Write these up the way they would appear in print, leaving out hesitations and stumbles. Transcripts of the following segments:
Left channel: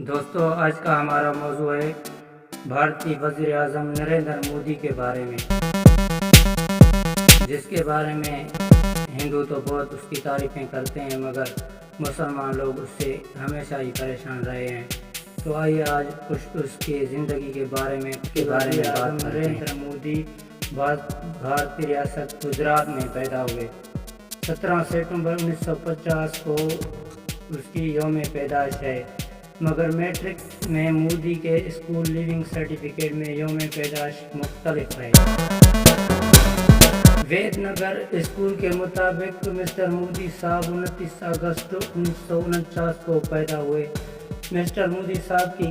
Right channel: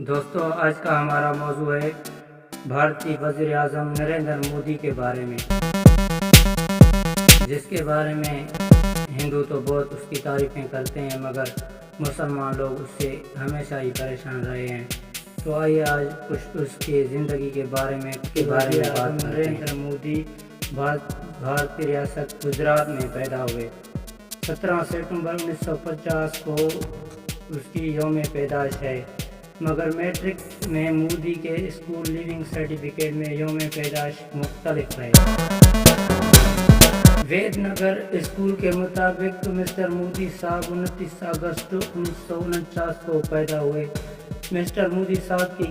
دوستو، آج کا ہمارا موضوع ہے بھارتی وزیر اعظم نریندر مودی کے بارے میں، جس کے بارے میں ہندو تو بہت اس کی تعریفیں کرتے ہیں، مگر مسلمان لوگ اس سے ہمیشہ ہی پریشان رہے ہیں۔ تو آئیے آج کچھ اس کی زندگی کے بارے میں بات کرتے ہیں۔ نریندر مودی بھارتی ریاست گجرات میں پیدا ہوئے۔ 17 ستمبر 1950 کو اس کی یوم پیدائش ہے، مگر میٹرک میں مودی کے اسکول لیونگ سرٹیفکیٹ میں یوم پیدائش مختلف رہے۔ وید نگر اسکول کے مطابق مسٹر مودی صاحب 29 اگست 1949 کو پیدا ہوئے۔ مسٹر مودی صاحب کی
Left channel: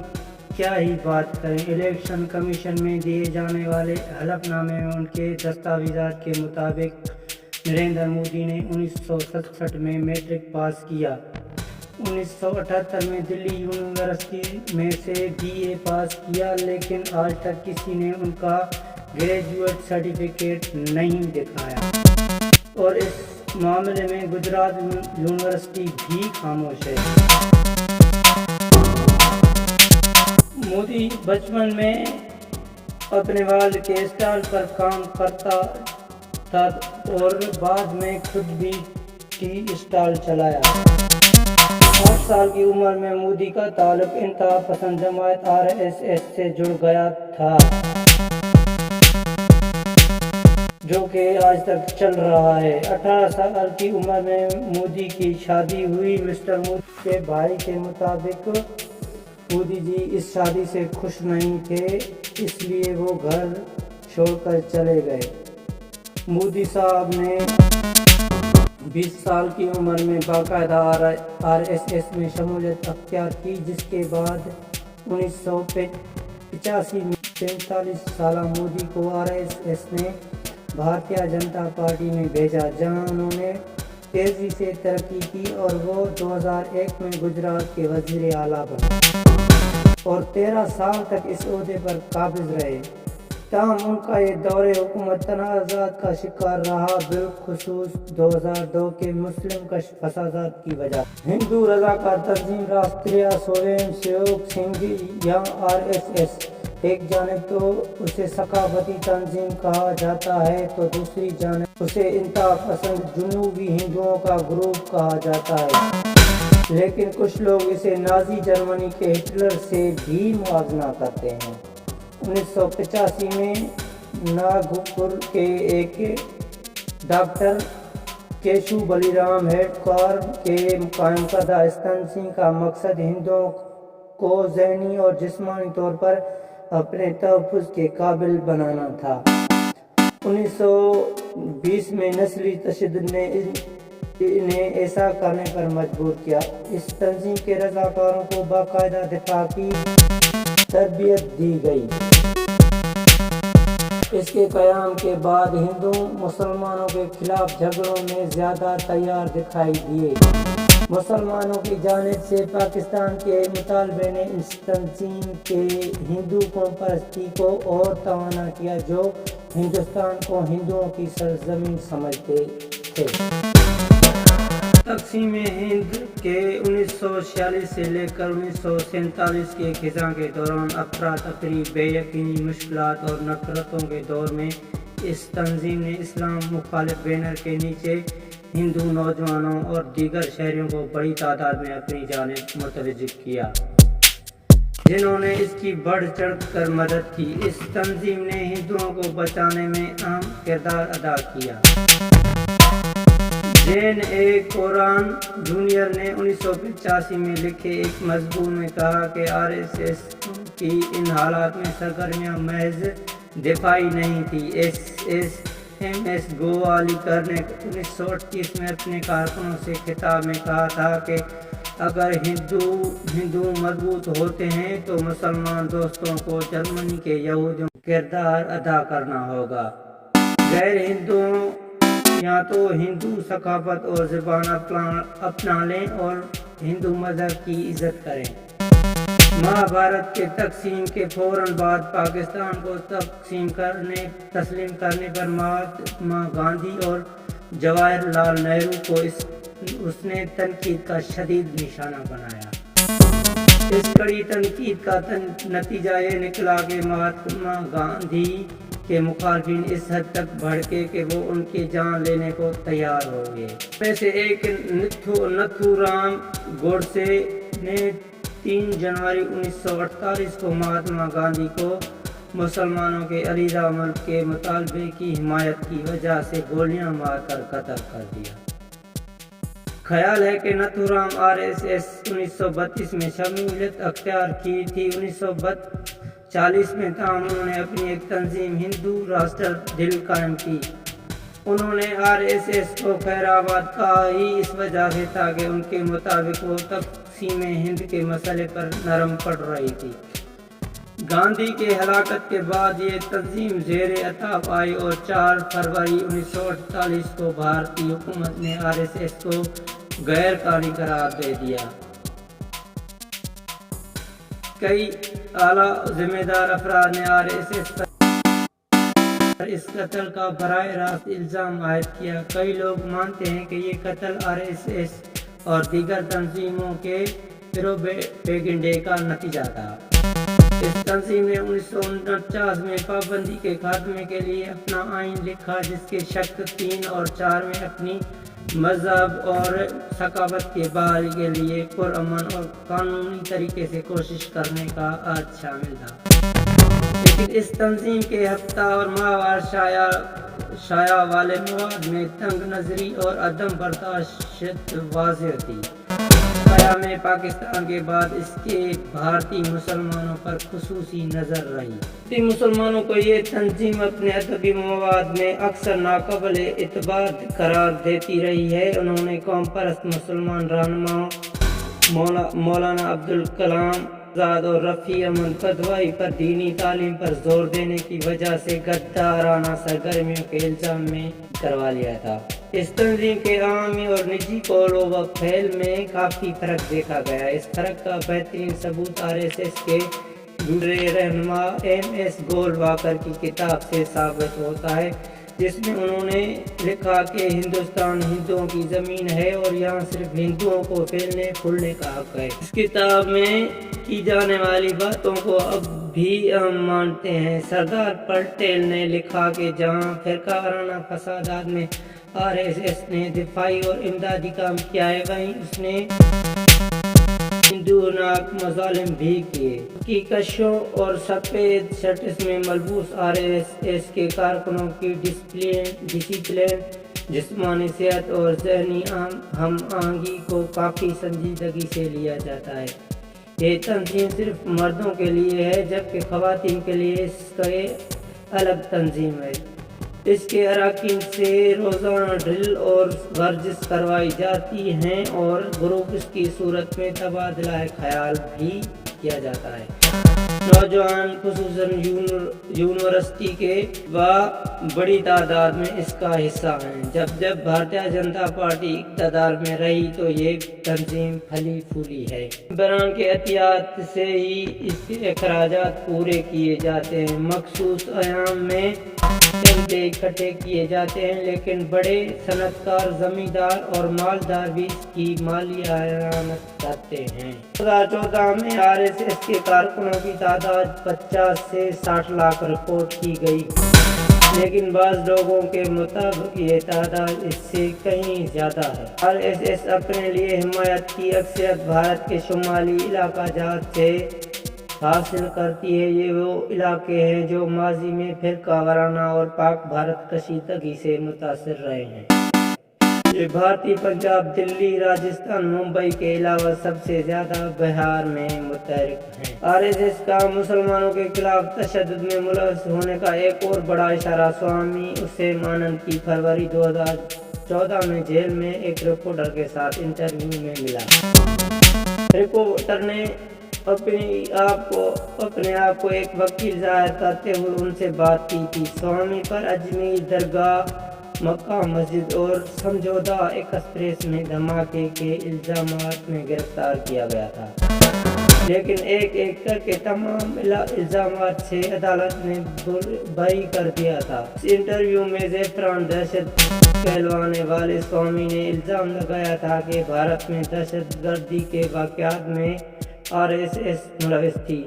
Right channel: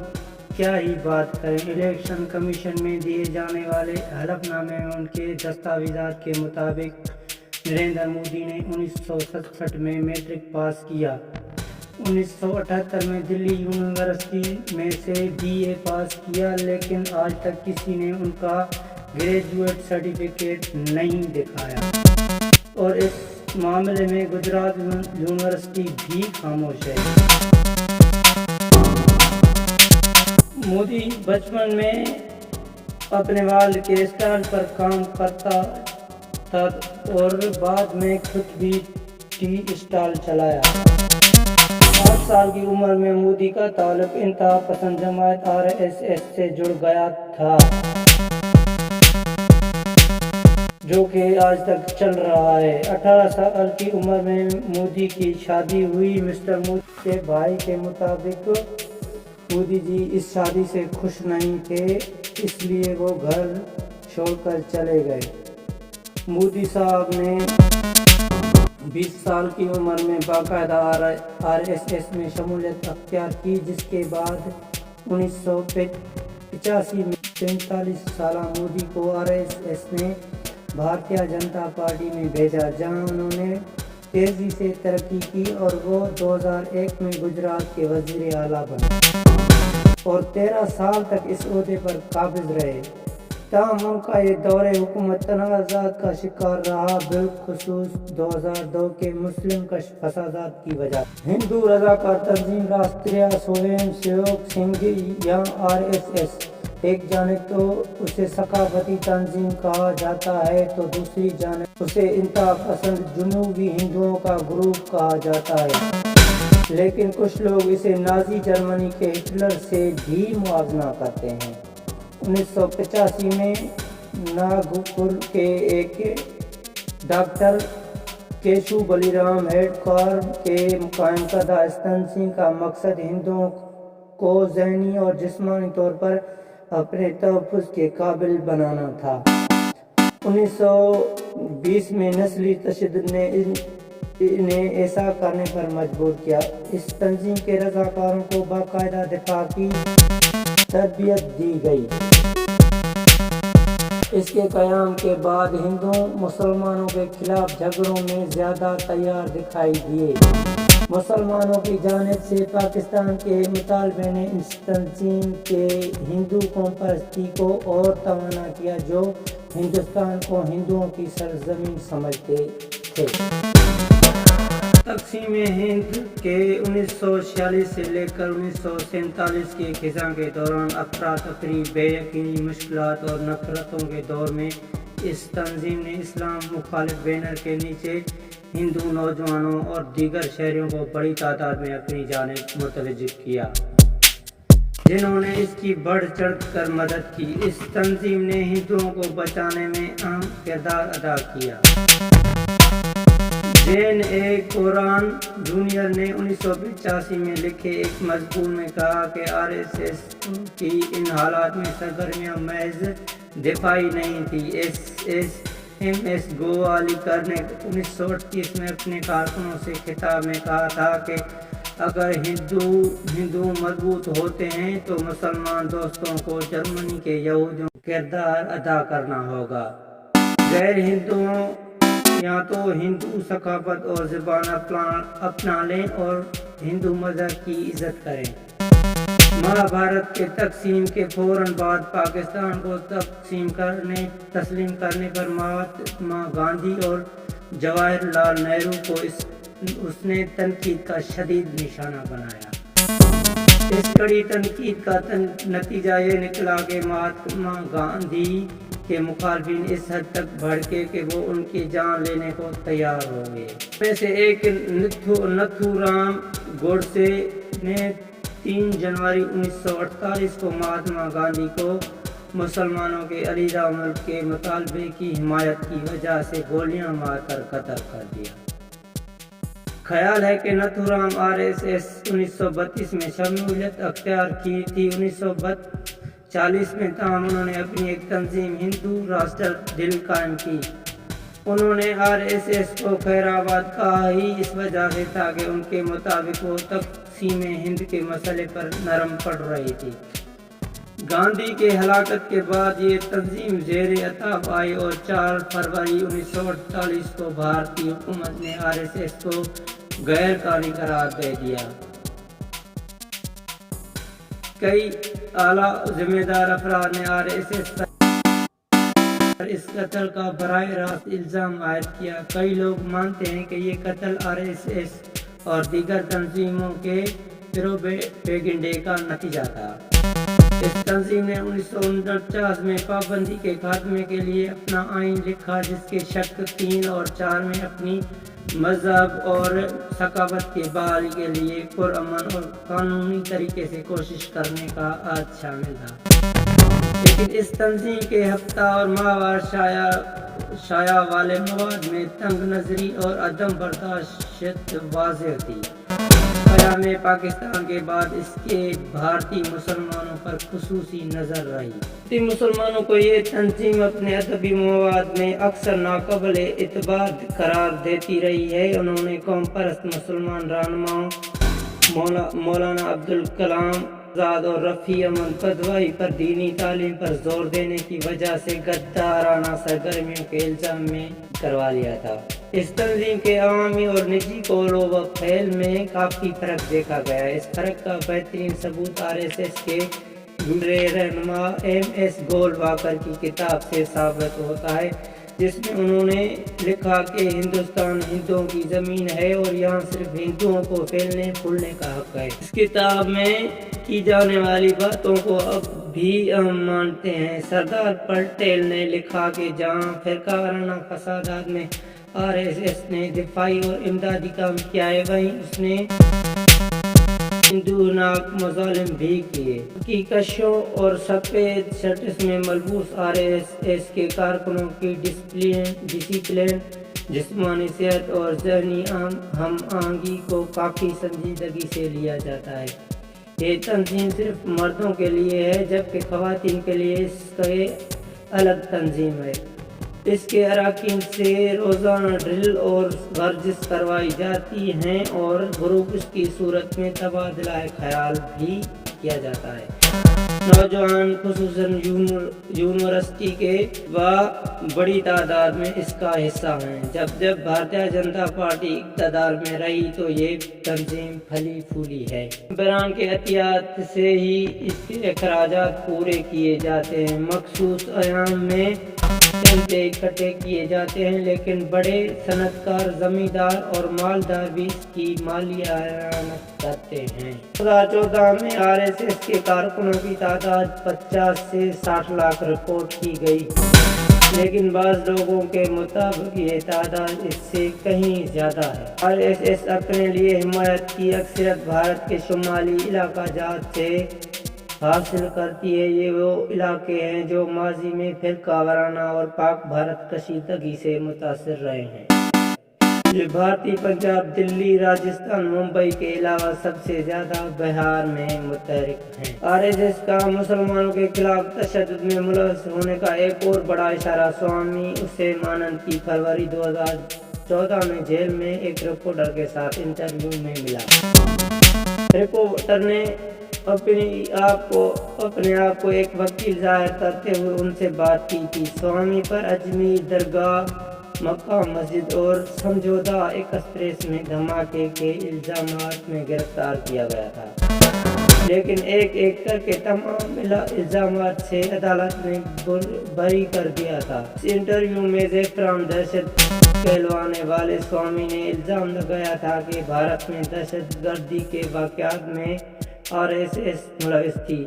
کیا ہی بات کریں، الیکشن کمیشن میں دیے جانے والے حلف نامے میں ان کے دستاویزات کے مطابق نریندر مودی نے 1967 میں میٹرک پاس کیا۔ 1978 میں دلی یونیورسٹی میں سے BA پاس کیا، لیکن آج تک کسی نے ان کا گریجویٹ سرٹیفکیٹ نہیں دکھایا، اور اس معاملے میں گجرات یونیورسٹی بھی خاموش ہے۔ مودی بچپن میں اپنے والد کے اسٹال پر کام کرتا تھا اور بعد میں خود بھی ٹی اسٹال چلایا۔ 8 سال کی عمر میں مودی کا تعلق انتہا پسند جماعت RSS سے جڑ گیا تھا، جو کہ آج تک چل رہا ہے۔ 18 سال کی عمر میں مودی کی شادی ہوئی۔ مسٹر مودی کے بھائی کے مطابق مودی جی اس شادی سے خوش نہیں تھے، اس لیے وہ گھر چھوڑ کر چلے گئے۔ مودی صاحب نے 20 سال کی عمر میں باقاعدہ RSS میں شمولیت اختیار کی، جس کے بعد 1985 میں 43 سالہ مودی کو RSS نے بھارتیہ جنتا پارٹی میں بھیجا، جہاں انہوں نے تیزی سے ترقی کی اور وہ 2001 میں گجرات کے وزیر اعلیٰ بنے اور 13 سال تک اس عہدے پر قابض رہے۔ تاہم ان کا یہ دور حکومت تنازعات کا شکار رہا، بالخصوص 2002 کے مسلم کش فسادات کی وجہ سے۔ ہندو رضاکار تنظیم راشٹریہ سویم سیوک سنگھ یا RSS ایک جانب تو اسے ثقافتی تنظیم کہا جاتا ہے، تو دوسری جانب اسے انتہا پسند جنوبی ہندوؤں کا گروپ کہا جاتا ہے، لیکن کچھ لوگ اسے نازی جرمنی کے ہٹلر سے بھی موازنہ کرتے ہیں۔ 1985 میں ناگپور کے ایک ڈاکٹر کیشو بلیرام ہیڈکوار کے قائم کردہ اس تنظیم کا مقصد ہندوؤں کو ذہنی اور جسمانی طور پر اپنے تحفظ کے قابل بنانا تھا۔ 1920 میں نسلی تشدد نے انہیں ایسا کرنے پر مجبور کیا۔ اس تنظیم کے رضاکاروں کو باقاعدہ دفاع کی تربیت دی گئی۔ اس کے قیام کے بعد ہندو مسلمانوں کے خلاف جھگڑوں میں زیادہ تیار دکھائی دیے۔ مسلمانوں کی جانب سے پاکستان کے مطالبے نے اس تنظیم کے ہندو قوم پرستی کو اور توانا کیا، جو ہندوستان کو ہندوؤں کی سرزمین سمجھتے تھے۔ تقسیم ہند کے 1946 سے لے کر 1947 کے خزاں کے دوران افراتفری، بے یقینی، مشکلات اور نفرتوں کے دور میں اس تنظیم نے اسلام مخالف بینر کے نیچے ہندو نوجوانوں اور دیگر شہریوں کو بڑی تعداد میں اپنی جانب متوجہ کیا، جنہوں نے اس کی بڑھ چڑھ کر مدد کی۔ اس تنظیم نے ہندوؤں کو بچانے میں اہم کردار ادا کیا۔ جین کوران جونیئر نے 1985 میں لکھے ایک مضمون میں کہا کہ RSS کی ان حالات میں سرگرمیاں محض دفاعی نہیں تھیں۔ MS گووالیکر نے 1938 میں اپنے کارکنوں سے خطاب میں کہا تھا کہ اگر ہندو مضبوط ہوتے ہیں تو مسلمان دوستوں کو جرمنی کے یہودیوں کا کردار ادا کرنا ہوگا۔ غیر ہندوؤں یا تو ہندو ثقافت اور زبان اپنا لیں اور ہندو مذہب کی عزت کریں۔ مہابھارت کے تقسیم کے فوراً بعد پاکستان کو تسلیم کرنے پر مہاتما گاندھی اور جواہر لال نہرو کو اس نے تنقید کا شدید نشانہ بنایا۔ اس کڑی تنقید کا نتیجہ یہ نکلا کہ مہاتما گاندھی کے مخالفین اس حد تک بھڑکے کہ وہ ان کی جان لینے کو تیار ہو گئے۔ میں سے ایک نتھو رام گوڈسے نے 3 جنوری 1948 کو مہاتما گاندھی کو مسلمانوں کے علیحدہ ملک کے مطالبے کی حمایت کی وجہ سے گولیاں مار کر قتل کر دیا۔ خیال ہے کہ نتھو رام RSS 1932 میں شمولیت اختیار کی تھی۔ 1940 میں تاہم انہوں نے اپنی ایک تنظیم ہندو راشٹر دل قائم کی۔ انہوں نے RSS کو خیر آباد کہا ہی اس وجہ سے تھا کہ ان کے مطابق وہ تقسیم ہند کے مسئلے پر نرم پڑ رہی تھی۔ گاندھی کے ہلاکت کے بعد یہ تنظیم زیر اطاعت آئی اور 4 فروری 1948 کو بھارتی حکومت نے RSS کو غیر قانونی قرار دے دیا۔ کئی اعلیٰ ذمہ دار افراد نے RSS پر اس قتل کا براہ راست الزام عائد کیا۔ کئی لوگ مانتے ہیں کہ یہ قتل RSS اور دیگر تنظیموں کے پروپیگنڈے کا نتیجہ تھا۔ اس تنظیم نے 1949 میں پابندی کے خاتمے کے لیے اپنا آئین لکھا، جس کے شق 3 اور 4 میں اپنی مذہب اور ثقافت کی بحالی کے لیے پرامن اور قانونی طریقے سے کوشش کرنے کا عہد شامل تھا۔ لیکن اس تنظیم کے ہفتہ اور ماہوار شائع والے مواد میں تنگ نظری اور عدم برداشت واضح تھی۔ قیام پاکستان کے بعد اس کے بھارتی مسلمانوں پر خصوصی نظر رہی۔ بھارتی مسلمانوں کو یہ تنظیم اپنے ادبی مواد میں اکثر ناقابل اعتبار قرار دیتی رہی ہے۔ انہوں نے قوم پرست مسلمان رہنماؤں مولانا عبدالکلام آزاد اور رفیع احمد قدوئی پر دینی تعلیم پر زور دینے کی وجہ سے غدارانہ سرگرمیوں کے الزام میں کروا لیا تھا۔ اس تنظیم کے عوامی اور نجی قول و فعل میں کافی فرق دیکھا گیا۔ اس فرق کا بہترین ثبوت RSS کے گزرے رہنما MS گولواکر کی کتاب سے ثابت ہوتا ہے، جس میں انہوں نے لکھا کہ ہندوستان ہندوؤں کی زمین ہے اور یہاں صرف ہندوؤں کو پھیلنے پھولنے کا حق ہے۔ اس کتاب میں کی جانے والی باتوں کو اب بھی ہم مانتے ہیں۔ سردار پٹیل نے لکھا کہ جہاں فرقہ وارانہ فسادات میں RSS نے دفاعی اور امدادی کام کیا ہے، وہیں اس نے ہندوانہ مظالم بھی کیے۔ کی کشوں اور سفید شرٹس میں ملبوس RSS کے کارکنوں کی ڈسپلن، جسمانی صحت اور ذہنی ہم آہنگی کو کافی سنجیدگی سے لیا جاتا ہے۔ یہ تنظیم صرف مردوں کے لیے ہے، جبکہ خواتین کے لیے اس کی الگ تنظیم ہے۔ اس کے اراکین سے روزانہ ڈرل اور ورزش کروائی جاتی ہیں اور گروپس کی صورت میں تبادلہ خیال بھی کیا جاتا ہے۔ نوجوان خصوصاً یونیورسٹی کے بڑی تعداد میں اس کا حصہ ہیں۔ جب بھارتیہ جنتا پارٹی اقتدار میں رہی تو یہ تنظیم پھلی پھولی ہے۔ ممبران کے عطیات سے ہی اس کے اخراجات پورے کیے جاتے ہیں۔ مخصوص ایام میں چندے اکٹھے کیے جاتے ہیں، لیکن بڑے صنعت کار، زمیندار اور مالدار بھی اس کی مالی اعانت کرتے ہیں۔ 2014 میں RSS کے کارکنوں کی تعداد 50 سے 60 لاکھ رپورٹ کی گئی، لیکن بعض لوگوں کے مطابق یہ تعداد اس سے کہیں زیادہ ہے۔ RSS اپنے لیے حمایت کی اکثریت بھارت کے شمالی علاقہ جات سے حاصل کرتی ہے۔ یہ وہ علاقے ہیں جو ماضی میں فرقہ وارانہ اور پاک بھارت کشیدگی سے متاثر رہے ہیں۔ یہ بھارتی پنجاب، دلی، راجستھان، ممبئی کے علاوہ سب سے زیادہ بہار میں متحرک ہیں۔ RSS کا مسلمانوں کے خلاف تشدد میں ملوث ہونے کا ایک اور بڑا اشارہ سوامی اسیمانند کی فروری 2014 میں جیل میں ایک رپورٹر کے ساتھ انٹرویو میں ملا۔ رپورٹر نے اپنے آپ کو ایک وکیل ظاہر کرتے ہوئے ان سے بات کی تھی۔ سوامی پر اجمیر درگاہ، مکہ مسجد اور سمجھوتا ایکسپریس میں دھماکے کے الزامات میں گرفتار کیا گیا تھا، لیکن ایک ایک کر کے تمام الزامات سے عدالت نے بری کر دیا تھا۔ اس انٹرویو میں زعفران دہشت کہلوانے والے سوامی نے الزام لگایا تھا کہ بھارت میں دہشت گردی کے واقعات میں RSS ملوث تھی۔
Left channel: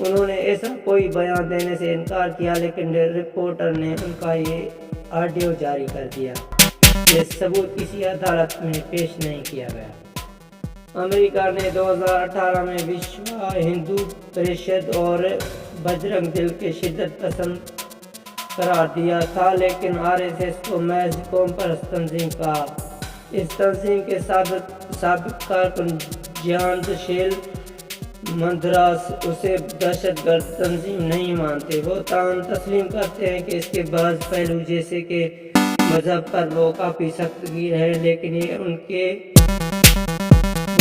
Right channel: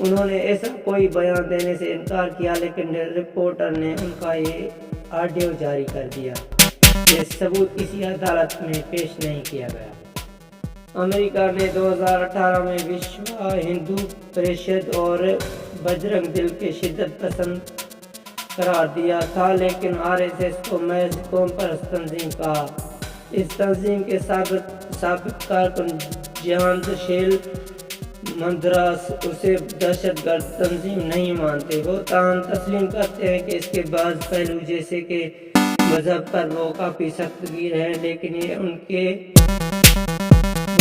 انہوں نے ایسا کوئی بیان دینے سے انکار کیا، لیکن رپورٹر نے ان کا یہ آڈیو جاری کر دیا۔ یہ ثبوت کسی عدالت میں پیش نہیں کیا گیا۔ امریکہ نے 2018 میں وشوا ہندو پریشد اور بجرنگ دل کے شدت پسند قرار دیا تھا، لیکن RSS کو محض قوم پرست تنظیم کہا۔ اس تنظیم کے سابق کارکن جیانت شیل مندراس اسے دہشت گرد تنظیم نہیں مانتے۔ وہ تاہم تسلیم کرتے ہیں کہ اس کے بعض پہلو جیسے کہ مذہب پر وہ کافی سخت گیر ہے، لیکن یہ ان کے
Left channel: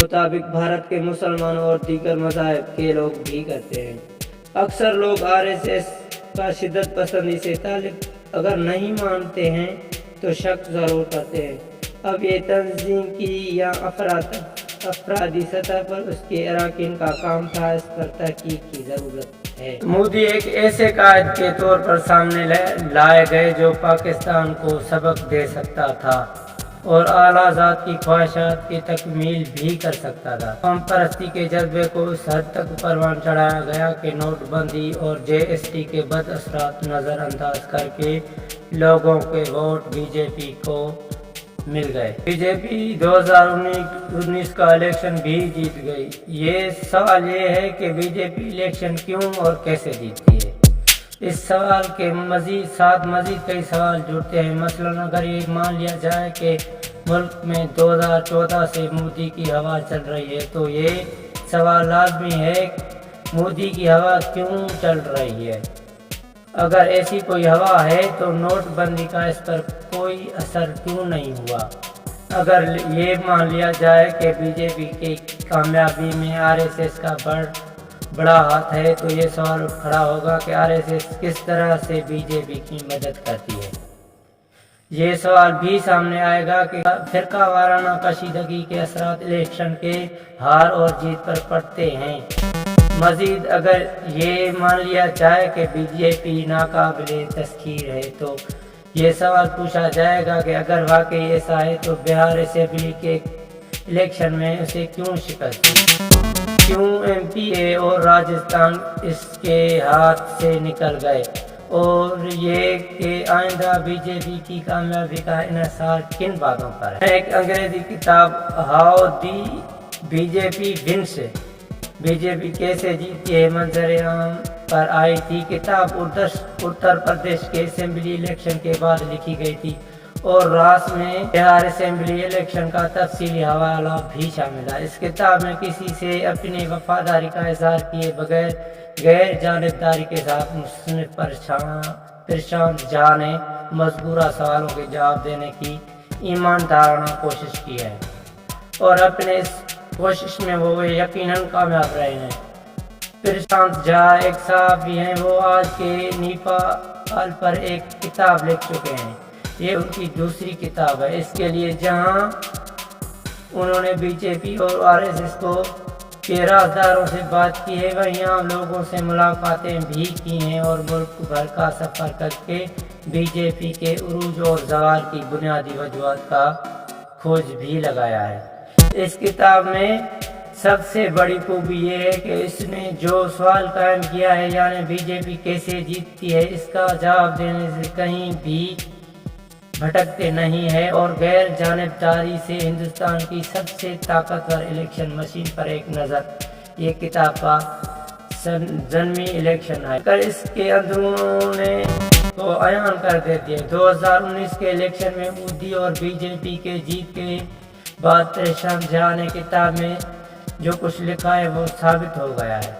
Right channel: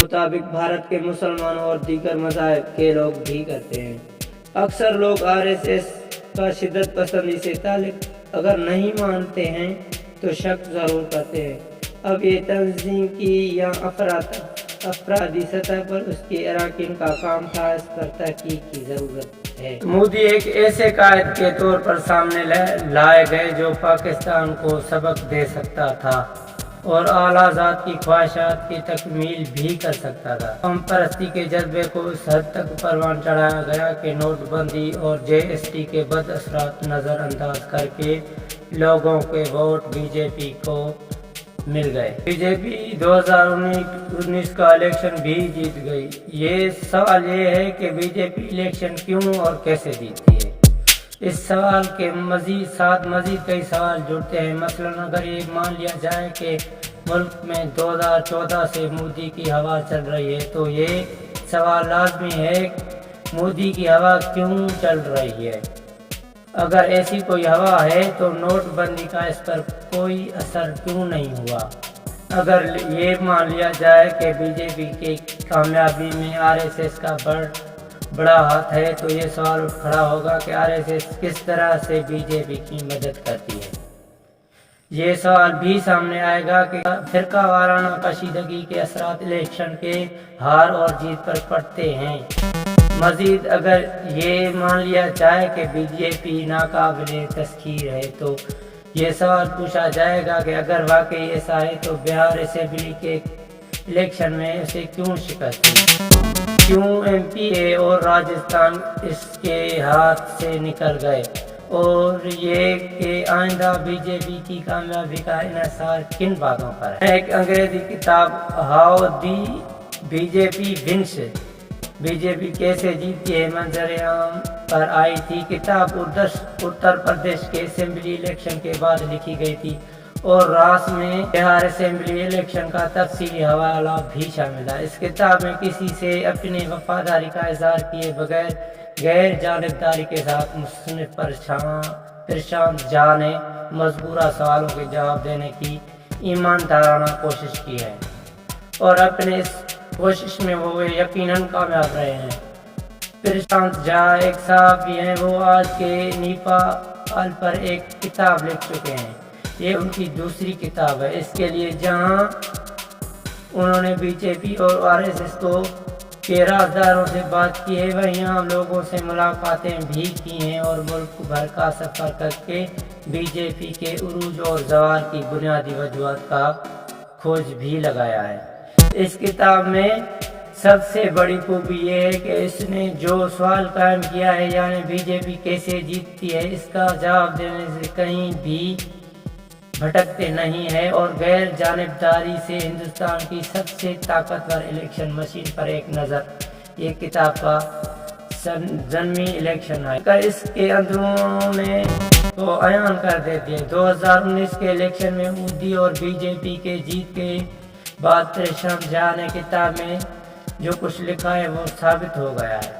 مطابق بھارت کے مسلمانوں اور دیگر مذاہب کے لوگ بھی کرتے ہیں۔ اکثر لوگ RSS کا شدت پسندی سے تعلق اگر نہیں مانتے ہیں تو شک ضرور کرتے ہیں۔ اب یہ تنظیم کی یا افرادی سطح پر اس کے اراکین کا کام تھا، اس پر تحقیق کی ضرورت ہے۔ مودی ایک ایسے قائد کے طور پر سامنے لائے گئے جو پاکستان کو سبق دے سکتا تھا اور اعلیٰ ذات کی خواہشات کی تکمیل بھی کر سکتا تھا۔ قوم پرستی کے جذبے کو اس حد تک پروان چڑھایا گیا کہ نوٹ بندی اور GST کے بد اثرات نظر انداز کر کے لوگوں کے ووٹ BJP کو مل گئے۔ BJP 2019 کا الیکشن بھی جیت گئی۔ یہ سوال یہ ہے کہ BJP الیکشن کیوں اور کیسے جیتتی ہے؟ اس سوال کے ساتھ مزید کئی سوال جڑتے ہیں۔ مثلاً اگر یہ مان لیا جائے کہ ملک میں 2014 سے مودی کی ہوا چل رہی ہے تو یہ سوال لازمی ہے مودی کی ہوا کیوں چل رہی ہے؟ اگر ایسی کوئی ہوا ہے تو نوٹ بندی کا اس پر کوئی اثر کیوں نہیں ہوا؟ اگر یہ مان لیا جائے کہ BJP کی کامیابی میں RSS کا بڑا ہاتھ ہے تو یہ سوال اٹھ کھڑا ہوگا کہ RSS کس طرح سے BJP کی مدد کرتی ہے۔ یہ سوال بھی سامنے آئے گا کہ فرقہ وارانہ کشیدگی کے اثرات الیکشن کے ہار اور جیت پر پڑتے ہیں۔ مزید اگر یہ مان لیا جائے کہ BJP ناقابل تسخیر ہے تو یہ سوال پوچھا جائے گا کہ اگر واقعی ایسا ہے تو بہار اسمبلی کے الیکشن میں اسے کیوں شکست دی؟ کیوں MP اور راجستھان اس کے ہاتھ سے نکل گئے؟ اور یہ کہ آئندہ BJP کی کامیابی کا انحصار کن باتوں پر ہے؟ ایک انگریزی کتاب how the BJP wins BJP کیسے جیتی ہے منظر عام پر آئی تھی۔ کتاب اتر پردیش کے اسمبلی الیکشن کے بعد لکھی گئی تھی اور راس میں بہار اسمبلی الیکشن کا تفصیلی حوالہ بھی شامل ہے۔ اس کتاب میں کسی سے اپنی وفاداری کا اظہار کیے بغیر غیر جانبداری کے ساتھ مصنف پرشانت جھا نے مذکورہ سوالوں کے جواب دینے کی ایماندارانہ کوشش کی ہے اور اپنے اس کوشش میں وہ یقیناً کامیاب رہے ہیں۔ پرشانت جھا ایک صحافی ہیں۔ وہ آج کے نیپال پر ایک کتاب لکھ چکے ہیں۔ یہ ان کی دوسری کتاب ہے۔ اس کے لیے جہاں انہوں نے BJP اور RSS کے رازداروں سے بات کی ہے، وہیں عام لوگوں سے ملاقاتیں بھی کی ہیں اور ملک بھر کا سفر کر کے BJP کے عروج اور زوال کی بنیادی وجوہات کا کھوج بھی لگایا ہے۔ اس کتاب میں سب سے بڑی خوبی یہ ہے کہ اس نے جو سوال قائم کیا ہے، یعنی BJP کیسے جیتتی ہے، اس کا جواب دینے سے کہیں بھی بھٹکتے نہیں ہے اور غیر جانبداری سے ہندوستان کی سب سے طاقتور الیکشن مشین پر ایک نظر یہ کتاب کا ضمنی الیکشن ہے کر اس کے اندرون کو عیان کر دیتی ہے۔ 2019 کے الیکشن میں مودی اور BJP کے جیت کے بعد پرشانت جھا نے کتاب میں جو کچھ لکھا ہے وہ ثابت ہو گیا ہے۔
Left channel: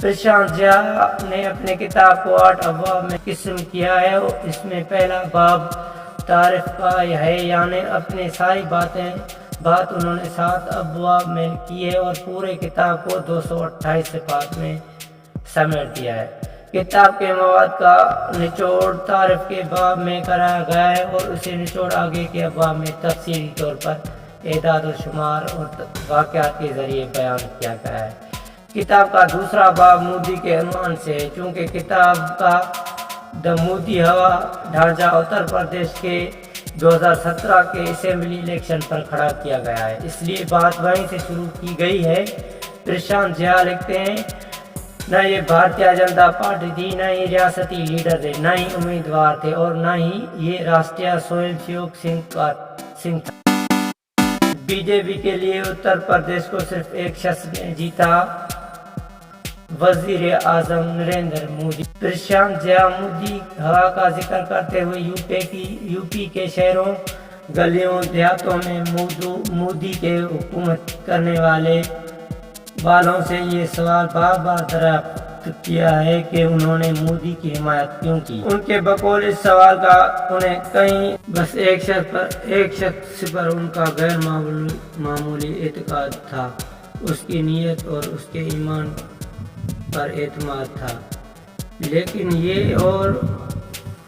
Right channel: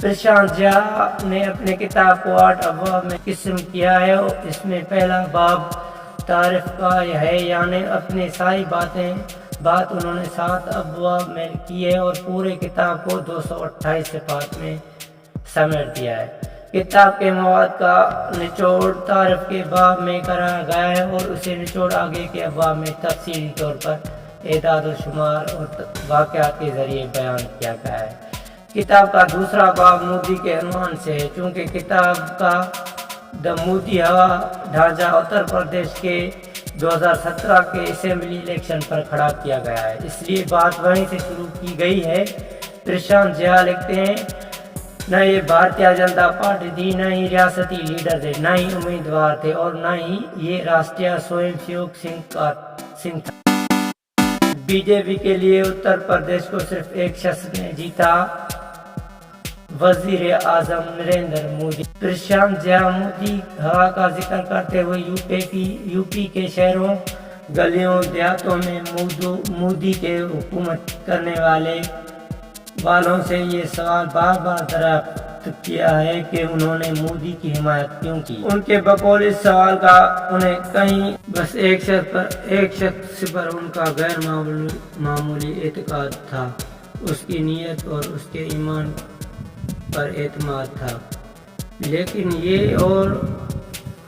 پرشانت جھا نے اپنے کتاب کو 8 ابواب میں قسم کیا ہے اور اس میں پہلا باب تعارف کا ہے، یعنی اپنی ساری بات انہوں نے 7 ابواب میں کی ہے اور پورے کتاب کو 228 صفحات میں سمیٹ دیا ہے۔ کتاب کے مواد کا نچوڑ تعارف کے باب میں کرایا گیا ہے اور اسے نچوڑ آگے کے ابواب میں تفصیلی طور پر اعداد و شمار اور واقعات کے ذریعے بیان کیا گیا ہے۔ کتاب کا دوسرا باب مودی کے عنوان سے ہے۔ چونکہ کتاب کا مودی ہوا ڈھانچہ اتر پردیش کے 2017 کے اسمبلی الیکشن پر کھڑا کیا گیا ہے، اس لیے بات وہیں سے شروع کی گئی ہے پرشانت جھا لکھتے ہیں نہ یہ بھارتیہ جنتا پارٹی تھی، نہ ہی ریاستی لیڈر تھے، نہ ہی امیدوار تھے، اور نہ ہی یہ راشٹریہ سوئم سیوک سنگھ تھا۔ بی جے پی کے لیے اتر پردیش کو صرف ایک شخص نے جیتا، وزیر اعظم نریندر مودی۔ پرشانت جھا مودی ہوا کا ذکر کرتے ہوئے یو پی کے شہروں، گلیوں، دیہاتوں میں مودی کے حکومت کرنے والوں سے یہ سوال بار بار دریافت کیا ہے کہ انہوں نے مودی کی حمایت کیوں کی۔ ان کے بقول اس سوال کا انہیں کہیں بس ایک شخص پر ان کا غیر معمولی اعتقاد تھا، اس کی نیت اور اس کے ایمان پر اعتماد تھا، لیکن یہ اور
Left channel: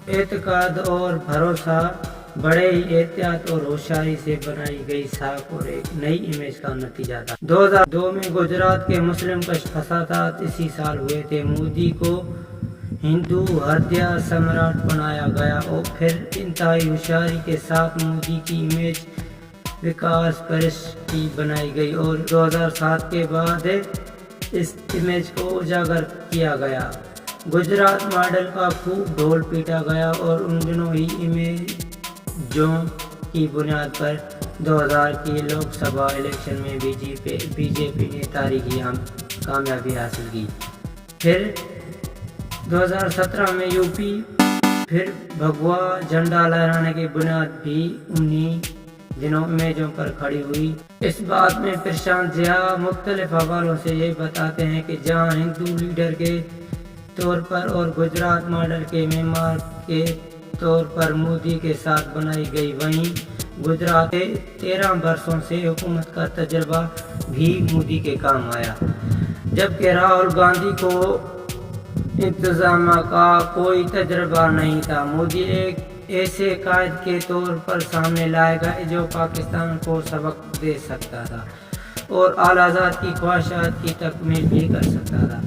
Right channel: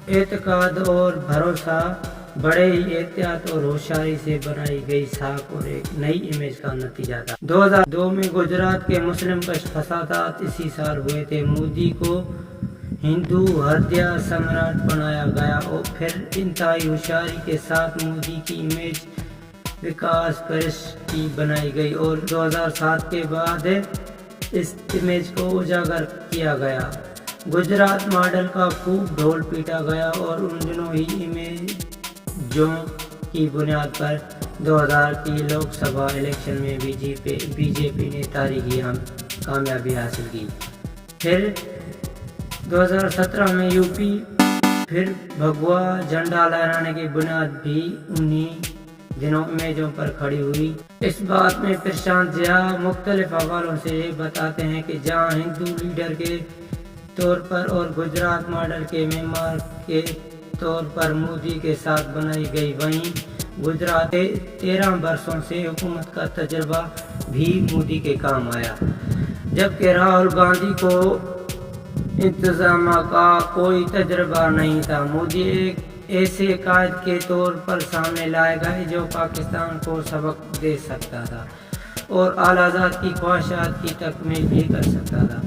اعتقاد اور بھروسہ بڑے ہی احتیاط اور ہوشیاری سے بنائی گئی ساکھ اور ایک نئی امیج کا نتیجہ تھا۔ 2002 میں گجرات کے مسلم کش فسادات اسی سال ہوئے تھے۔ مودی کو ہندو ہردیہ سمراٹ بنایا گیا اور پھر انتہائی ہوشیاری کے ساتھ مودی کی امیج وکاس پرست کی بنائی گئی اور 2007 کے بعد اس امیج کو اجاگر کیا گیا۔ گجرات ماڈل کا خوب ڈھول پیٹا گیا اور ان دنوں ہی امیجوں کی بنیاد پر 2000 کی لوک سبھا الیکشن میں بی جے پی نے تاریخی کامیابی حاصل کی۔ پھر 2017 میں یو پی پھر بھگوا جھنڈا لہرانے کی بنیاد بھی انہی دنوں امیجوں پر کھڑی ہوئی۔ اس بات میں پرشانت جھا مختلف حوالوں سے یہ بتاتے ہیں کہ جہاں ہندو لیڈر کے طور پر اور گجرات ماڈل کے معمار کے طور پر مودی کے ساتھ بنائی گئی، وہیں گجرات 13 برسوں سے حکومت کا تجربہ بھی مودی کے کام آیا۔ جبکہ راہل گاندھی کو انتظامیہ کا کوئی تجربہ نہیں تھا، مودی ایک ایسے قائد کے طور پر سامنے لائے گئے جو پاکستان کو سبق دے سکتا تھا اور اعلیٰ ذات کی خواہشات کی تکمیل بھی کر سکتا تھا۔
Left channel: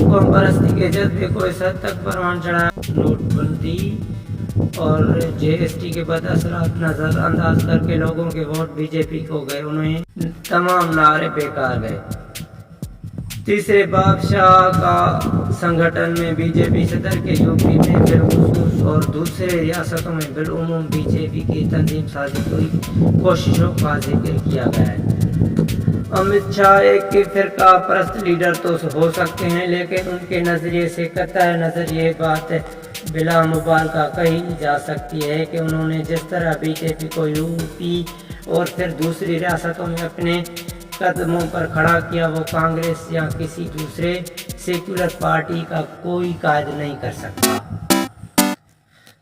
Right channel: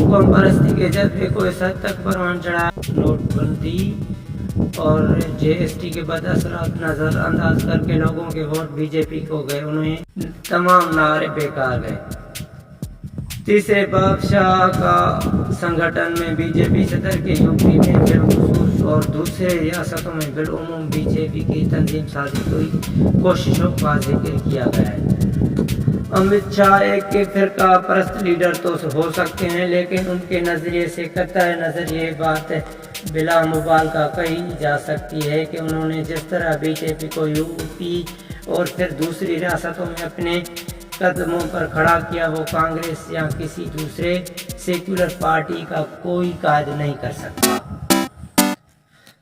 قوم پرستی کے جذبے کو اس حد تک پروان چڑھایا، نوٹ بندی اور جی ایس ٹی کے بد اثرات نظر انداز کر کے لوگوں کے ووٹ بی جے پی کو گئے، انہیں تمام نعرے بیکار گئے۔ تیسرے بادشاہ کا سنگھٹن میں بی جے پی صدر کے یو پی میں بالخصوص اور دوسرے ریاستوں میں بالعموم بی جے پی کی تنظیم سازی کی کوششوں کا ذکر کیا گیا ہے۔ امت شاہ ایک فرقہ پرست لیڈر تو ہو سکتے ہیں، لیکن ان کے نظریے سے قطع نظر یہ بات بلا مبالغہ کہی جا سکتی ہے کہ انہوں نے جس طرح بی جے پی کو یو پی اور پھر دوسری ریاستوں میں اپنے قدموں پر کھڑا کیا، وہ کانگریس یا کسی دوسرے سیکولر پارٹی کا کوئی قائد نہیں کر سکتا۔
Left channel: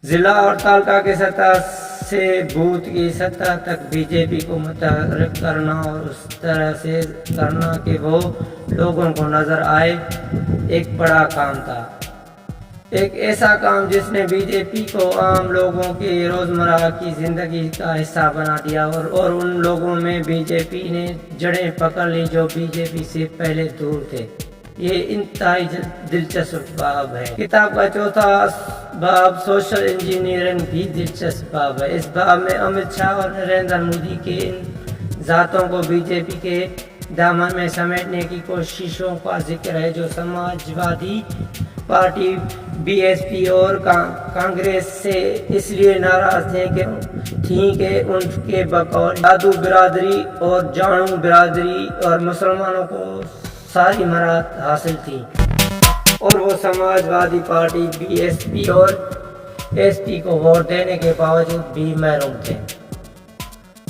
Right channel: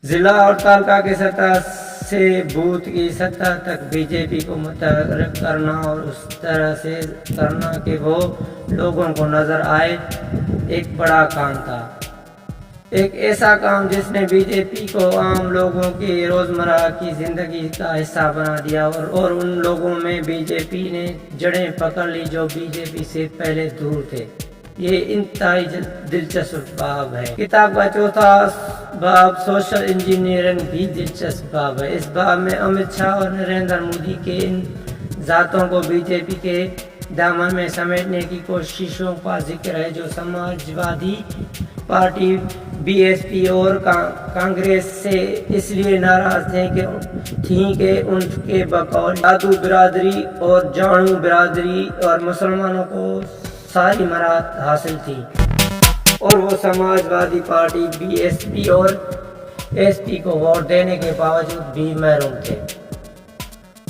ضلع اور تعلقہ کی سطح سے بوتھ کی سطح تک بی جے پی کو متحرک کرنا اور اس طرح سے کرنا کہ وہ لوگوں کو نظر آئے، ایک بڑا کام تھا، ایک ایسا کام جس نے بی جے پی کو عام لوگوں کی روزمرہ کی زندگی کا حصہ بنا دیا اور ان لوگوں میں بی جے پی نے جڑیں پکڑ لی جو بی جے پی سے پہلے دور تھے۔ یہ انتہائی دلچسپ باب ہے۔ کتاب کا چوتھا باب سوشل انجینئرنگ بھی دلچسپ باب ہے۔ اس باب میں امت شاہ اور نریندر مودی کے ان ذاتوں کو بی جے پی کے دامن میں سمیٹنے کی کوششوں کا ذکر ہے جو Samajwadi party, B S P اور کانگریس سے اس لیے ناراض تھیں کہ ان کے بقول یادو برادری اور جاڑو برادری اور مسلمانوں کو ساری مراحت حاصل تھی اور وہ Samajwadi party, B S P اور ایس پی کو ووٹ دینے کے باوجود بھی محروم تھے۔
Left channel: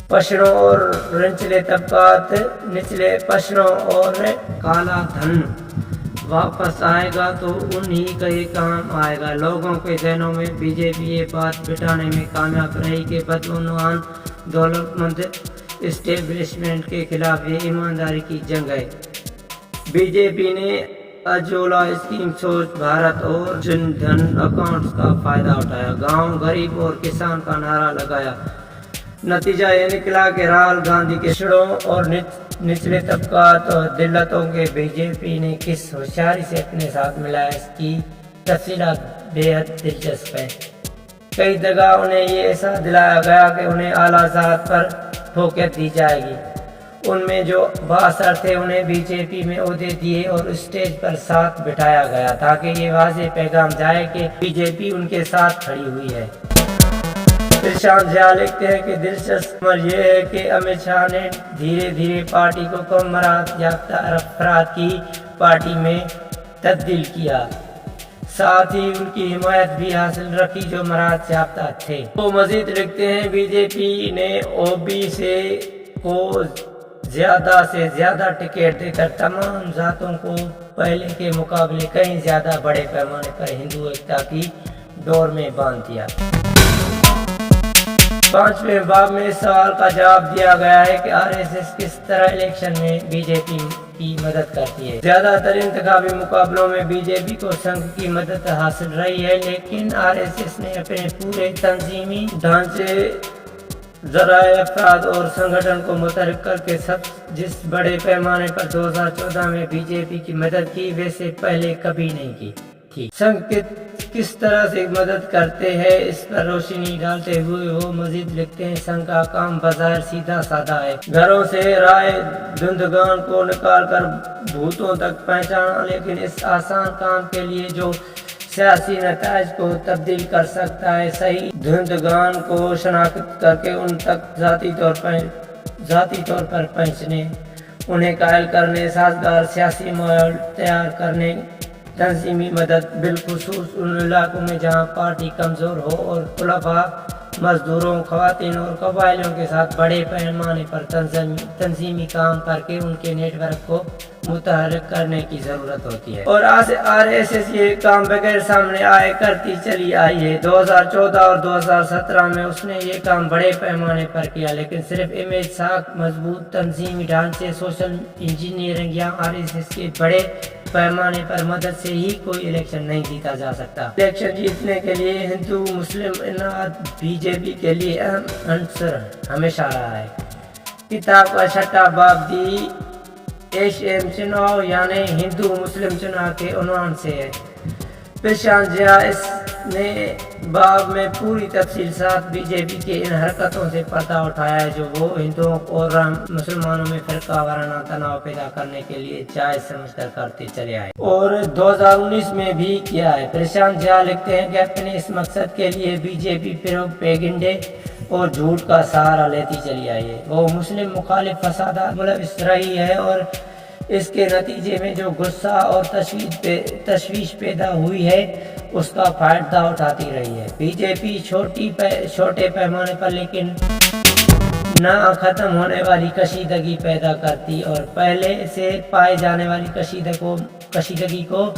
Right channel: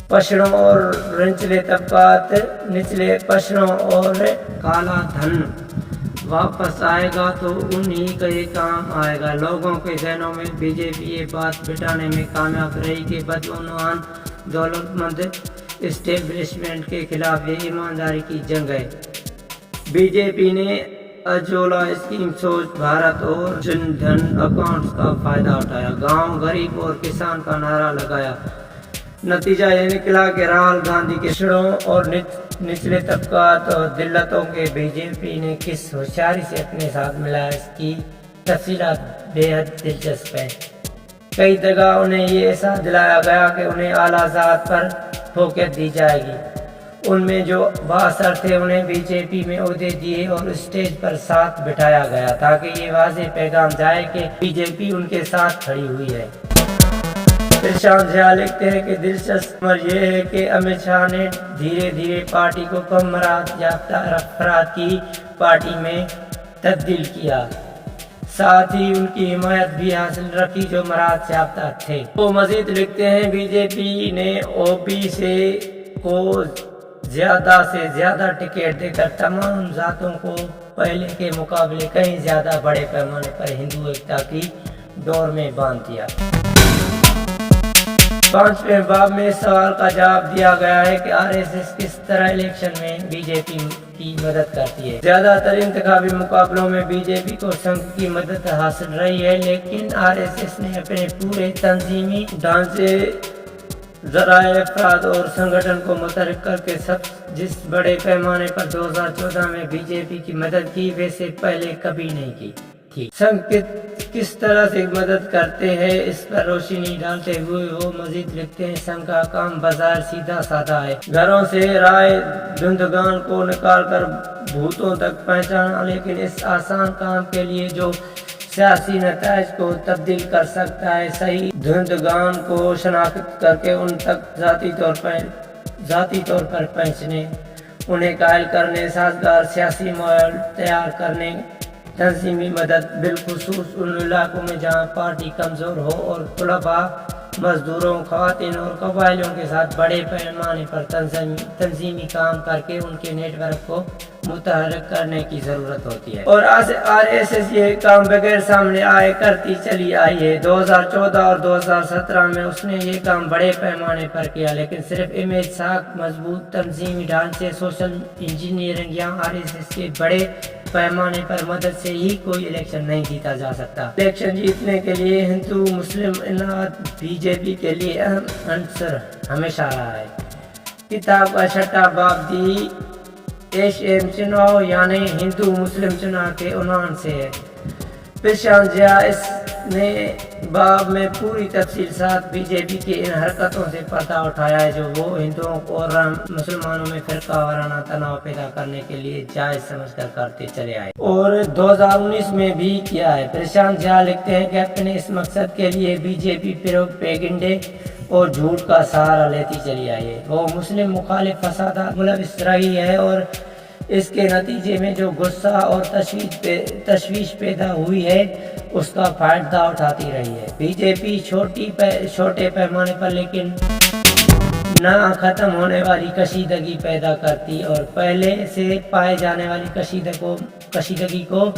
پشڑوں اور نچلے طبقات، نچلے پشڑوں اور کالا دھن واپس آئے گا تو انہی کا یہ کام آئے گا۔ لوگوں کے ذہنوں میں بی جے پی یہ بات بٹھانے میں کامیاب رہی کہ بدعنوان دولت مند اسٹیبلشمنٹ کے خلاف یہ ایمانداری کی جنگ ہے۔ بی جے پی نے اجولا اسکیم، سوچھ بھارت اور جن دھن اکاؤنٹس کا فائدہ اٹھایا، گاؤں غریب اور کسان کا نعرہ لگایا۔ نتیجہ یہ نکلا کہ راہل گاندھی کے پچھڑوں اور نچلے طبقات اور دلتوں کے بی جے پی نے کس ہوشیاری سے اپنے ساتھ ملایا، اس کی تفصیلات بے حد دلچسپ ہیں۔ کئی جگہ انہیں یہ احساس دلایا گیا کہ انہیں اعلیٰ ذات پر فوقیت دی جائے گی ان میں جو بااثر تھے انہیں بی جے پی میں عہدے دیے اور اسٹیج پر ساتھ بٹھایا گیا تاکہ یہ واضح پیغام جائے کہ بی جے پی ان کے ساتھ کھڑی ہوئی ہے۔ پرشانت جھا لکھتے ہیں کہ دلچسپ امر یہ ہے کہ امت شاہ نے دھیرے دھیرے پارٹی کو کم مہارت یافتہ افراد کی پارٹی میں تبدیل کیا، ساتھ ہی ان کی حمایت بھی حاصل رکھی جو مہارت یافتہ تھے۔ وہ مزید لکھتے ہیں بی جے پی نے او بی سی کو زیادہ سے زیادہ ٹکٹ دے کر تمام ذاتوں کو پہلے کے مقابلے کہیں زیادہ بڑے پیمانے پر ہندو ایکتا کی ڈور میں باندھ دیا۔ 5ویں باب میں اس سوال کا جواب دیا گیا ہے کہ آر ایس ایس کس طرح الیکشن میں بی جے پی کی مدد کرتی ہے۔ زیادہ تر انتخابی مقابلوں میں بی جے پی کو سنگھ کی مدد حاصل رہی ہے، لیکن آر ایس ایس نے اپنے پورے تنظیمی ڈھانچے، ذرائع، افراد اور سنگھٹن کو متحرک کر کے جس بڑے پیمانے پر 2014 میں بی جے پی کی مدد کی ویسے پہلے کبھی نہیں کی تھی۔ سنگھ کس طرح سے مدد کرتے ہیں اس پر روشنی ڈالتے ہوئے وہ مزید لکھتے ہیں سنگھ کا کام بظاہر سیدھا سادہ ہے، گھروں سے رائے دہندگان کو نکال کر بوتھوں تک پہنچانا، لیکن اس آسان کام کے لیے جو سیاسی نتائج کو تبدیل کر سکتا ہے، صحیح دہندگان کو شناخت کر کے ان تک ذاتی طور پر پہنچنے، انہیں قائل کرنے، سازگار سیاسی ماحول تیار کرنے، تنظیمی مدد بالخصوص ان علاقوں میں جہاں پارٹی کمزور ہو، اور طلباء، مزدوروں، خواتین اور قبائلیوں کے ساتھ بڑے پیمانے پر تنظیمی کام کر کے ان کے نیٹ ورک کو متحرک کرنے کی ضرورت ہوتی ہے، اور آر ایس ایس یہ کام بغیر سامنے آئے کرتی چلی آئی ہے۔ 2014 اور 2017 میں اس نے یہ کام بڑے پیمانے پر کیا، لیکن صرف امیج ساکھ، مضبوط تنظیمی ڈھانچے، سوشل انجینئرنگ یا آر ایس ایس کے بڑے پیمانے پر مدد سے ہی کوئی الیکشن نہیں جیتا جا سکتا۔ الیکشن جیتنے کے لیے ہندو مسلم اتحاد بی جے پی کے لیے اہم عنصر ہمیشہ رہا ہے۔ کتاب کا 6واں باب دی ایش ایم چناؤ یعنی ہندو مسلم چناؤ کے عنوان سے ہے۔ پرشانت جھا اس نے باب میں پوری تفصیل ساتھ بی جے پی کے ان حرکتوں سے پردہ اٹھایا ہے جو وہ ہندوؤں اور مسلمانوں میں فرقہ وارانہ تناؤ پیدا کرنے کے لیے جائز سمجھ کر کرتے چلے آئے اور 2019 میں بھی کیا ہے۔ پرشانت جھا لکھتے ہیں کہ اپنے اس مقصد کے لیے بی جے پی پیگنڈے اور جھوٹ کا سہارا لیتی چلی آئی ہے۔ وہ مسلم مخالف فسادات ملوث رہی ہے اور اس کے نتیجے میں جو غصہ اور تشویش پیدا ہوئی ہے اس کا فائدہ اٹھاتی رہی ہے۔ بی جے پی چھوٹے پیمانے پر لیکن نہ ختم ہونے والی کشیدگی پیدا کرتی اور پہلے سے پائے جانے والی کشیدگی کو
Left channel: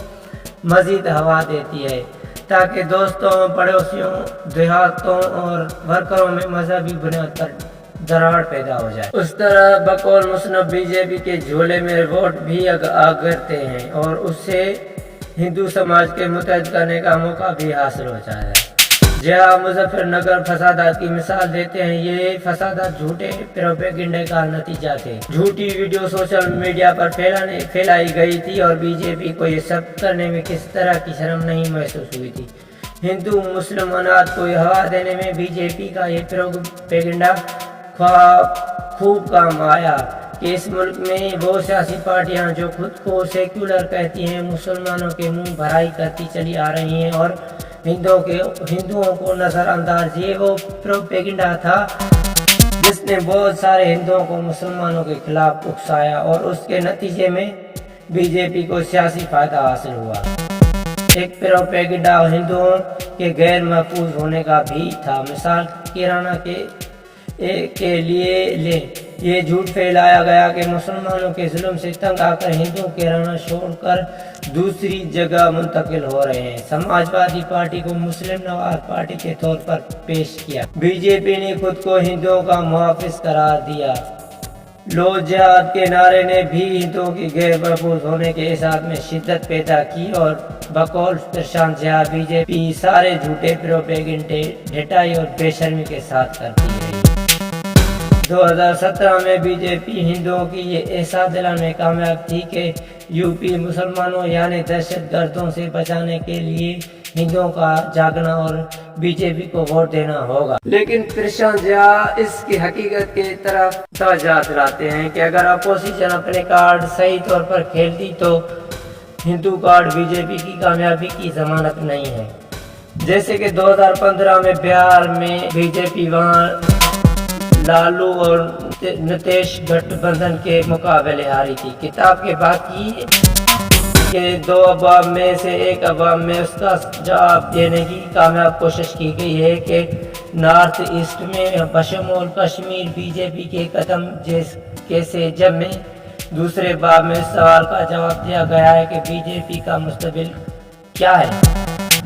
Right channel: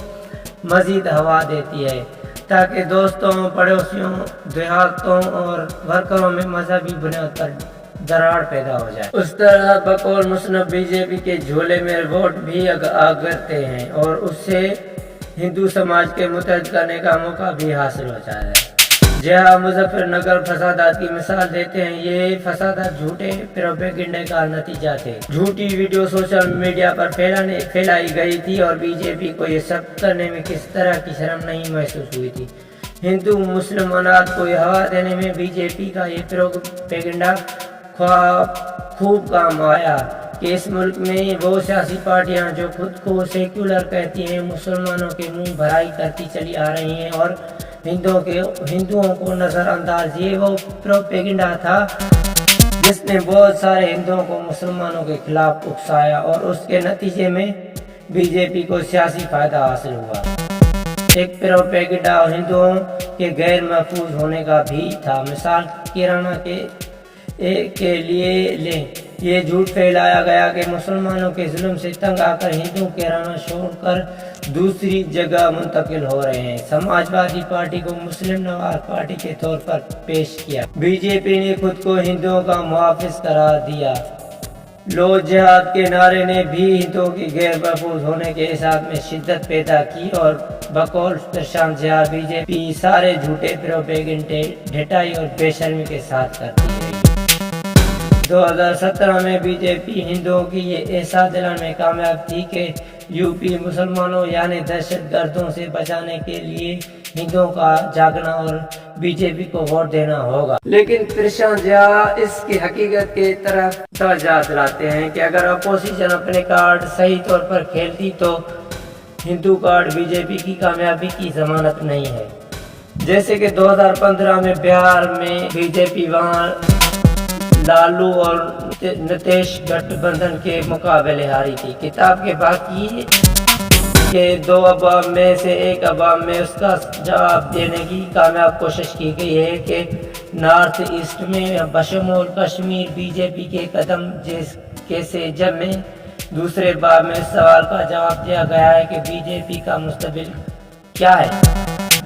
مزید ہوا دیتی ہے تاکہ دوستوں، پڑوسیوں، دیہاتوں اور ورکروں میں مذہبی بنیاد پر دراڑ پیدا ہو جائے۔ اس طرح بقول مصنف بی جے پی کے جھولے میں ووٹ بھی اگرتے ہیں اور اس سے ہندو سماج کے متحد کرنے کا موقع بھی حاصل ہو جاتا ہے۔ جہاں مظفر نگر فسادات کی مثال دیتے ہیں، یہ فسادات جھوٹے پروپیگنڈے کا نتیجہ تھے۔ جھوٹی ویڈیو سوشل میڈیا پر پھیلائی گئی تھی اور بی جے پی کو یہ ثابت کرنے میں کس طرح کی شرم نہیں محسوس ہوئی تھی۔ ہندو مسلم اتحاد کو ہوا دینے میں بی جے پی کا یہ پروپیگنڈا خوب کام آیا کہ اس ملک میں وہ سیاسی پارٹیاں جو خود کو سیکولر کہتی ہیں مسلمانوں کے منہ بھرائی کرتی چلی آ رہی ہیں اور ہندوؤں کو نظر انداز، یہ وہ پروپیگنڈا تھا جس نے بہت سارے ہندوؤں کو مسلمانوں کے خلاف اکسایا اور اس کے نتیجے میں بی جے پی کو سیاسی فائدہ حاصل ہوا۔ ایک پروپیگنڈا ہندوؤں کے غیر محفوظ ہونے کا بھی تھا۔ مثال کیرانہ کے لیے لیں، یہ جھوٹ پھیلایا گیا کہ مسلمانوں کے ظلم سے تنگ آ کر ہندو کیرانہ چھوڑ کر دوسری جگہ منتقل ہو رہے ہیں۔ سماج وادی پارٹی کو مسلم نواز پارٹی کے طور پر پیش کیا۔ بی جے پی نے خود کو ہندوؤں کا محافظ قرار دیا۔ لو جہاد کے نعرے نے بھی ہندوؤں کے غیر محفوظ ہونے کے احساس میں شدت پیدا کی اور بقول پرشانت جھا بی جے پی سارے جھوٹے پروپیگنڈے ڈھٹائی اور بے شرمی کے ساتھ کرتی رہی۔ 2017 میں بی جے پی ہندوؤں کی یہ احساس دلانے میں کامیاب تھی کہ یو پی مسلمانوں یعنی دہشت گردوں سے بچانے کے لیے ہندوؤں کا جاگنا اور بی جے پی کو ووٹ دینا ہوگا۔ لیکن پرشانت جھا اس کی حقیقت کی طرف توجہ دلاتے ہیں کہ اگر اپوزیشن اپنے کارڈ صحیح طور پر کھیلتی تو ہندو کارڈ بی جے پی کی کامیابی کی ضمانت نہیں ہے۔ جیسے کہ 2015 میں بہار میں بی جے پی وہاں لالو اور نتیش گٹھ بندھن کے مقابلے ہاری تھی۔ کتاب کے باقی کے 2 ابواب میں سے ایک ابواب میں اس کا جواب دینے کی کامیاب کوشش کی گئی ہے کہ نارتھ ایسٹ میں بشمول کشمیر بی جے پی کے قدم کیسے جب میں دوسرے باب میں اس سوال کا جواب دیا گیا ہے کہ بی جے پی کا مستقبل کیا ہے۔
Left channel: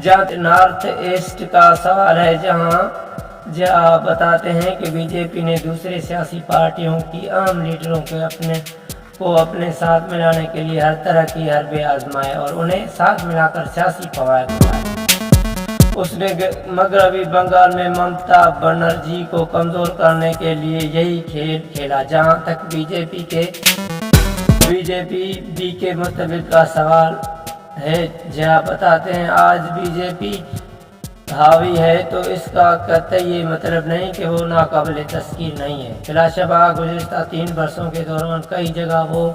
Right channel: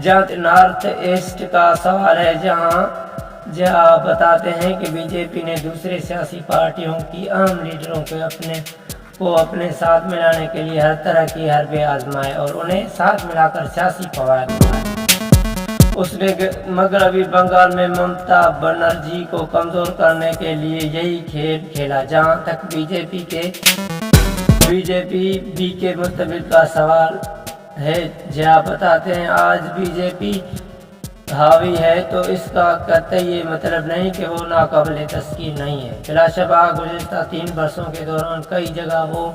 جہاں نارتھ ایسٹ کا سوال ہے جہاں بتاتے ہیں کہ بی جے پی نے دوسرے سیاسی پارٹیوں کی اہم لیڈروں کو اپنے ساتھ ملانے کے لیے ہر طرح کی حربے آزمائے اور انہیں ساتھ ملا کر سیاسی فوائد اٹھائے۔ اس نے مغربی بنگال میں ممتا بنرجی کو کمزور کرنے کے لیے یہی کھیل کھیلا۔ جہاں تک بی جے پی کے مستقبل کا سوال ہے، جہاں بتاتے ہیں آج بی جے پی حاوی ہے تو اس کا قطعی یہ مطلب نہیں کہ وہ ناقابل تسخیر نہیں ہے۔ بلا شبہ گزشتہ 3 برسوں کے دوران کئی جگہ وہ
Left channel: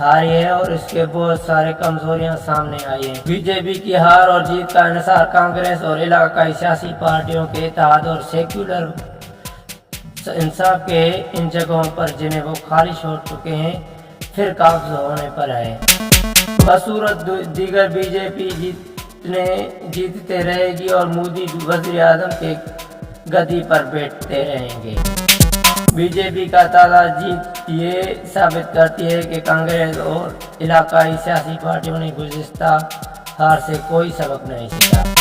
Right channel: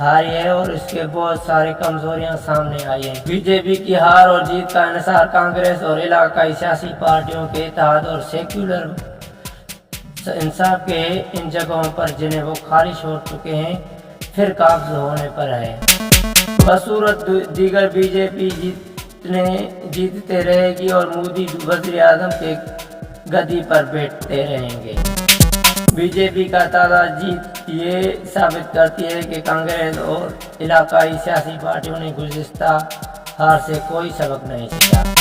ہاری ہے اور اس کے بہت سارے کمزوریاں سامنے آئی ہیں۔ بی جے پی کی ہار اور جیت کا انحصار کانگریس اور علاقائی سیاسی پارٹیوں کے اتحاد اور سیکولر انصاف کے ان جگہوں پر جنہیں وہ خالی چھوڑ چکے ہیں پھر قابض ہونے پر ہے۔ بصورت دیگر بی جے پی جیتتے رہے گی اور مودی وزیر اعظم کے گدی پر بیٹھتے رہیں گے۔ بی جے پی کا تازہ جیت یہ ثابت کرتی ہے کہ کانگریس اور علاقائی سیاسی پارٹیوں نے گزشتہ ہار سے کوئی سبق نہیں سیکھا۔